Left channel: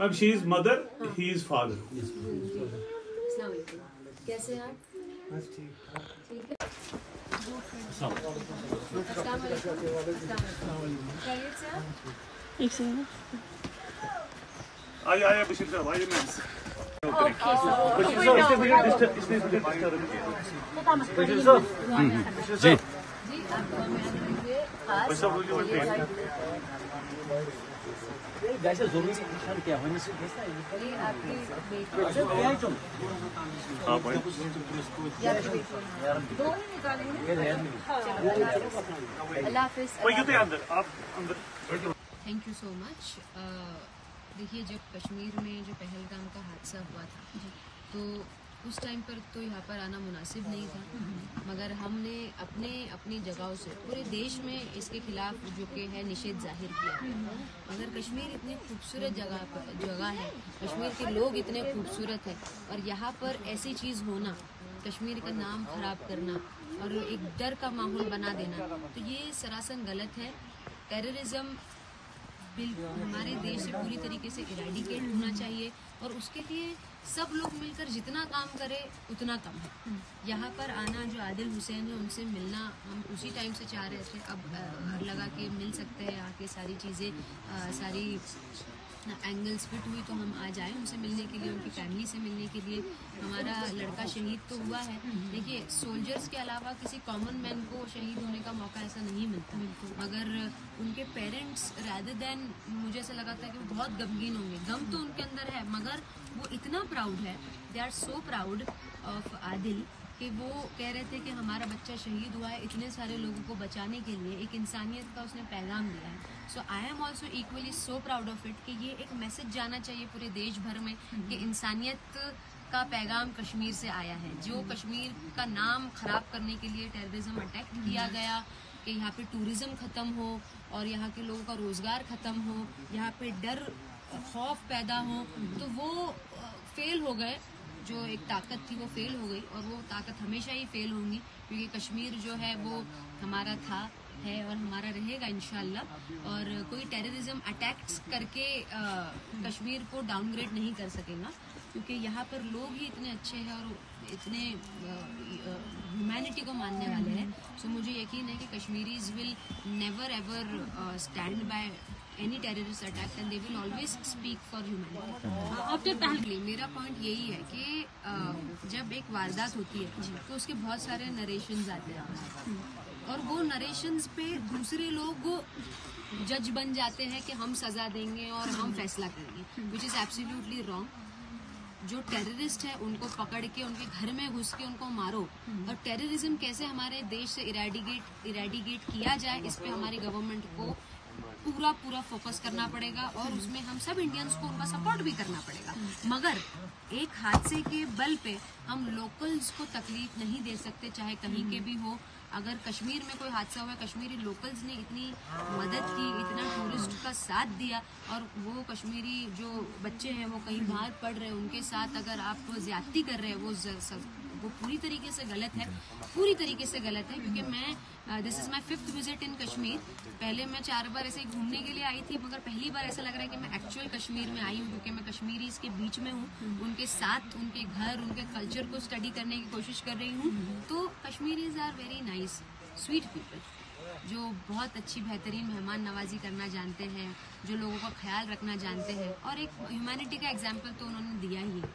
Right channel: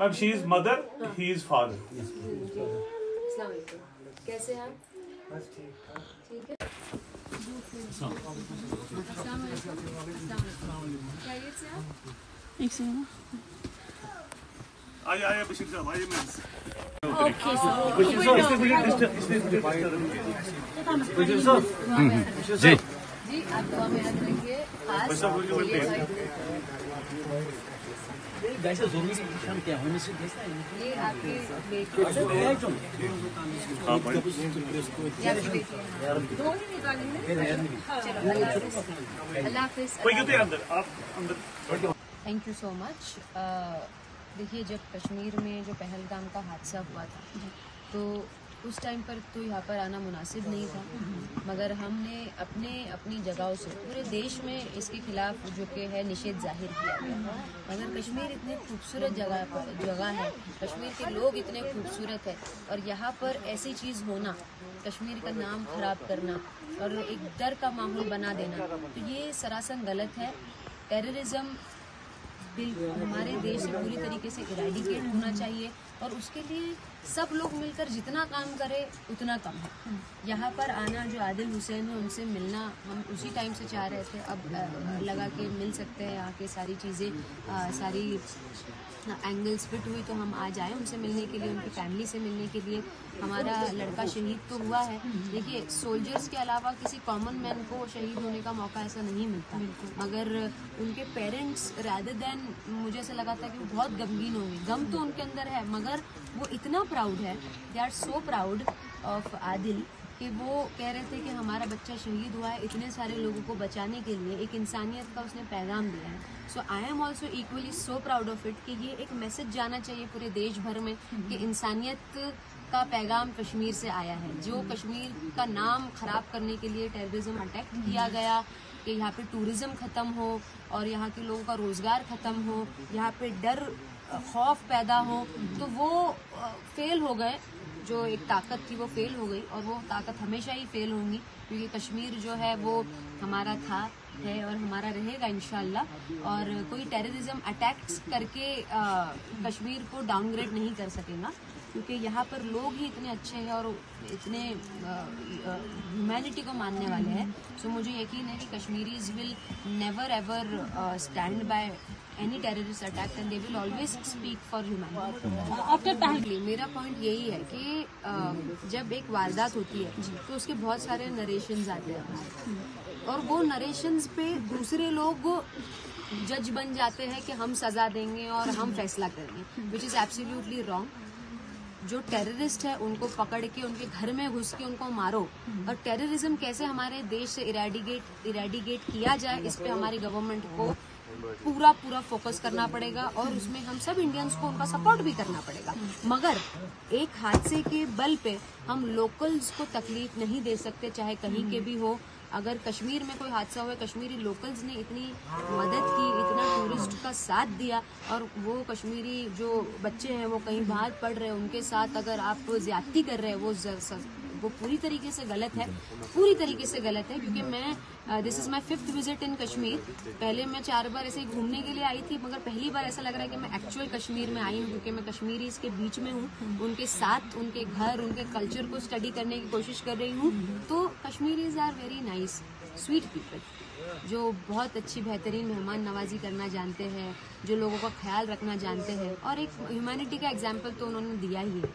Ma'am she is mother, he is father. अस्सलाम वालेकुम, कैसे हैं आप? बस ठीक है। एक सेकंड। आइए बशीर साहब, आइए मैम। जी जी, आप मेरा देखिए खास ये आपके बेटे अल्लाह हाफिज़। Thank you so much. देखिए, जब कश्मीर में जो पहलगाम का हादसा हुआ था तो उस टाइम पर तो यहाँ पर आना मुनासिब नहीं था, मगर हमने अपनी जगहों से पूरे देश में इसके खिलाफ जो कि है निषेध जाहिर किया गया। मगर कश्मीर इतनी खूबसूरत जगह है, कश्मीर के लोग इतने खूबसूरत है, और यहाँ पर ऐसी चीज़ होना, कश्मीर का नाम खराब करना और एक डर का माहौल बना देना, तो ये सरासर गलत है। टेररिज्म हमारे देश से पूरी तरीके से इराडिकेट होना चाहिए, और उसके लिए सब लोग मिलकर जितना काम करें उतना कम है। यहाँ पर आना, जो आदिल हुसैन है उनसे मिलना हम उसी टाइम से चाह रहे थे, अब लगा के मिल सकते हैं, आके सारी चीज़ें सारी एंगल्स फिट हुई तो हम आज आए उनसे मिलने के लिए, उनकी फैमिली से मिलने के लिए। हमारा लड़का शहीद तो हुआ है, देखिए सोल्जर्स के अलावा किसी कॉमन मैन को शहीद होने का मौका ऐसा नहीं मिलता, मगर उनके पेरेंट्स रादर देन, मुझे ऐसा लगा था कि वो बहुत गमगीन होंगे। गम तो उनके अंदर है, मगर वो इतना प्राउड है, they are so proud of Adil, कि वो कह रहे थे कि हमारा बच्चा शहीद हुआ है इतने सारे लोगों को बचाने के लिए, एक इंसानियत का उसने पैगाम दिया है। So I am also equally so proud of it कि ये एक मैसेज जाना चाहिए पूरे देश भर में कि इंसानियत का पैगाम कश्मीर से आया है। जो कश्मीर का नाम खराब करने के लिए टेररिज्म अटैक किया गया, कि यहाँ पे टूरिज्म खत्म हो और यहाँ के लोगों का रोजगार खत्म हो, यहाँ पे डर खौफ पैदा हो, तो वो फेल हो गए। जो एक ताकत थी वो फेल हो गई, और वो ताकत हमेशा ही फेल होंगी, क्योंकि कश्मीर जो है वो हमारा था, है और हमारा रहेगा इंशाल्लाह। और कोई टेररिज्म अटैक्स करके कश्मीर को डाउनग्रेड नहीं कर सकेगा, क्योंकि यहाँ पर लोग ही इतने अच्छे हैं और इतने ह्यूमैनिटी को मानने वाले हैं। सो मुझे यकीन है कि Kashmiris will never ever stand by any terrorist attack and they will always speak for humanity. After पहले मेरा पॉइंट यही है कि जब एक वारदात होती है तो उसके बहुत सारे नरेशंस आते हैं, और वो नरेशंस पे दूसरे लोग जज बन जाते हैं कि हम सजा देंगे और हम फैसला करेंगे, which is absolutely wrong. जो टेररिस्ट है उनको पकड़ के उनके घर में घुस के उनको मारो, और टेररिज्म कैसे हमारे देश से इरेडिकेट किया जाए, इस पे हमारी गवर्नमेंट को पूरा फोकस करना पड़ेगा, और उसमें हम सब इंडियंस को उनका सपोर्ट भी करना पड़ेगा। मगर एक हादसे के बल पे हम लोकल्स को तकलीफ नहीं दे सकते, चाहे कहीं के भी हो। अगर कश्मीर में कोई हादसा हुआ, कश्मीरी लोकल्स ने इतनी मदद की, इतना टूरिस्ट का साथ दिया, और वो कश्मीरी जो बच्चे हैं वो कहीं बाहर पढ़ रहे हैं, उनके साथ अगर आप ज्यादती कर रहे हैं, वो पूरी तरीके से गलत है, पूरी तरीके से गलत है। क्योंकि मैं this is my 5th visit in Kashmir. पहले मैं 4 बार ऐसे घूमने के लिए आई थी, मगर पहली बार ऐसा लग रहा है कि मैं एक्चुअल कश्मीर में आई हूँ, क्योंकि मैं कश्मीरीज के बीच में हूँ, उनके साथ, उनके घर, उनके कल्चर को स्टडी करने की कोशिश कर रही हूँ। तो Kashmiris are very nice, sweet people, जो बहुत अच्छी बेहतरीन मेहमान नवाजी करना जानते हैं, जो लोगों का ख्याल रखना जानते हैं, और एक ह्यूमैनिटी का एग्जाम्पल तो उन्होंने दिया ही है।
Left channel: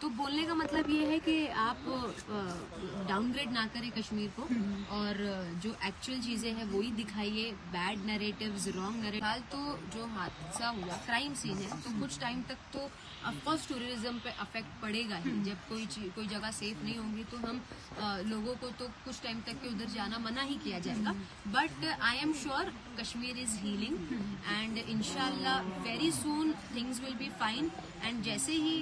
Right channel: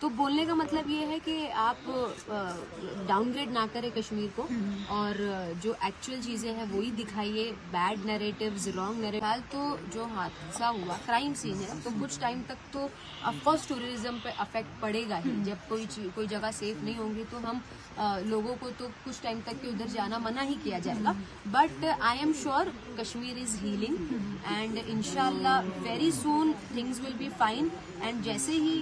तो बोलने का मतलब ये है कि आप डाउनग्रेड ना करें कश्मीर को, और जो एक्चुअल चीजें हैं वही दिखाइए, बैड नैरेटिव्स, रॉन्ग नैरेटिव। तो जो हादसा हुआ क्राइम सीन है, तो कुछ टाइम तक तो ऑफकोर्स टूरिज्म पे अफेक्ट पड़ेगा ही। जब कोई जगह सेफ नहीं होगी तो हम लोगों को तो कुछ टाइम तक के उधर जाना मना ही किया जाएगा। But I am sure Kashmir is healing, and इंशाल्लाह very soon things will be fine. And जैसे ही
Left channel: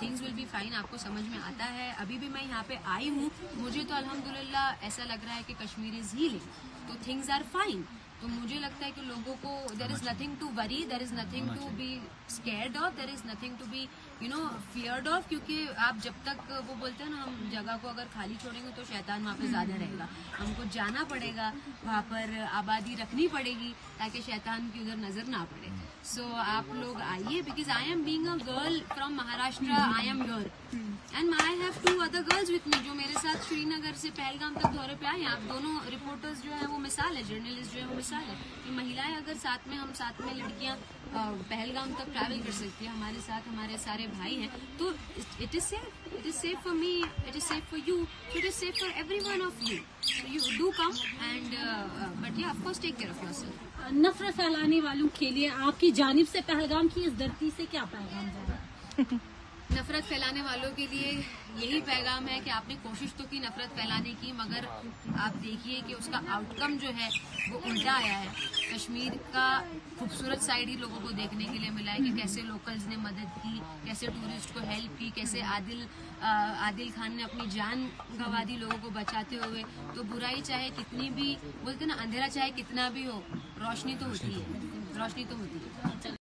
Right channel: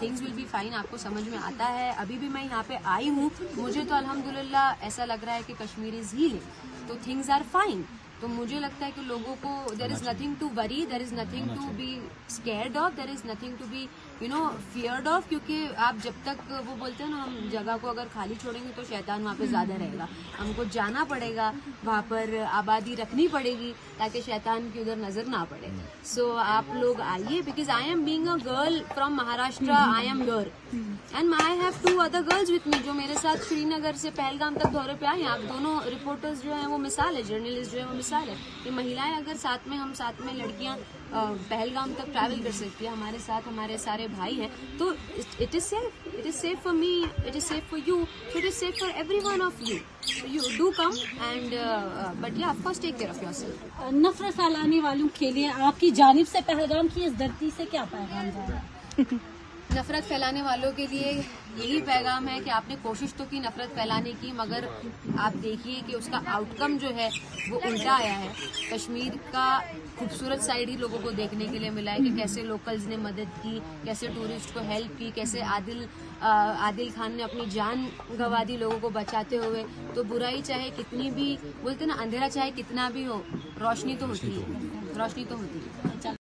थिंग्स विल बी फाइन आपको समझ में आता है, अभी भी मैं यहाँ पे आई हूँ, मुझे तो अल्हम्दुलिल्लाह ऐसा लग रहा है कि कश्मीर इज हीलिंग, तो थिंग्स आर फाइन। तो मुझे लगता है कि लोगों को there is nothing to worry, there is nothing to be scared of, there is nothing to be feared of, क्योंकि आप जब तक वो बोलते हैं ना, हम जगह को अगर खाली छोड़ेंगे तो शैतान वहाँ पे ज्यादा रहेगा। हमको जाना पड़ेगा, वहाँ पर आबादी रखनी पड़ेगी ताकि शैतान की उधर नजर ना पड़े। सो आप लोग आइए, because I am being a girl from Maharashtra, I am here and I have 2 other girls with me जो मेरे साथ श्रीनगर से पहलगाम तक दौरे पे आई हैं। आप दोनों रिपोर्टर्स जो हैं वो मिसाल है, जर्नलिस्ट जो है वो मिसाल है कि महिलाएं अगर साथ में, हम साथ में लड़कियां पहलगाम तक ट्रैवल कर सकती है, हमारे साथ हमारे सारे भाई हैं, तो it is safe for me, it is safe for you, it is safe for everyone of you. You do come and but yeah of course take care of yourself. नफरत फैलाने वालों के लिए आपकी जानिब से पहलगाम की इस धरती से क्या पैगाम जाएगा? नफरत फैलाने वालों के लिए यही पैगाम है कि आपने कोशिश तो की नफरत फैलाने की, मगर आप देखिए कि उसका आउटकम जो है वो उल्टा आया है। कश्मीर का खूबसूरत साइड ही लोगों को देखने के लिए मिला है कि कैसे लोकल्स ने मदद की, कैसे टूरिस्ट को हेल्प की, कैसे आदिल खान ने अपनी जान गंवा दी लोगों को बचाते हुए। तो बुराई चाहे कितनी भी, बोलते ना, अंधेरा चाहे कितना भी हो, रोशनी तो होती है, रोशनी तो होती है।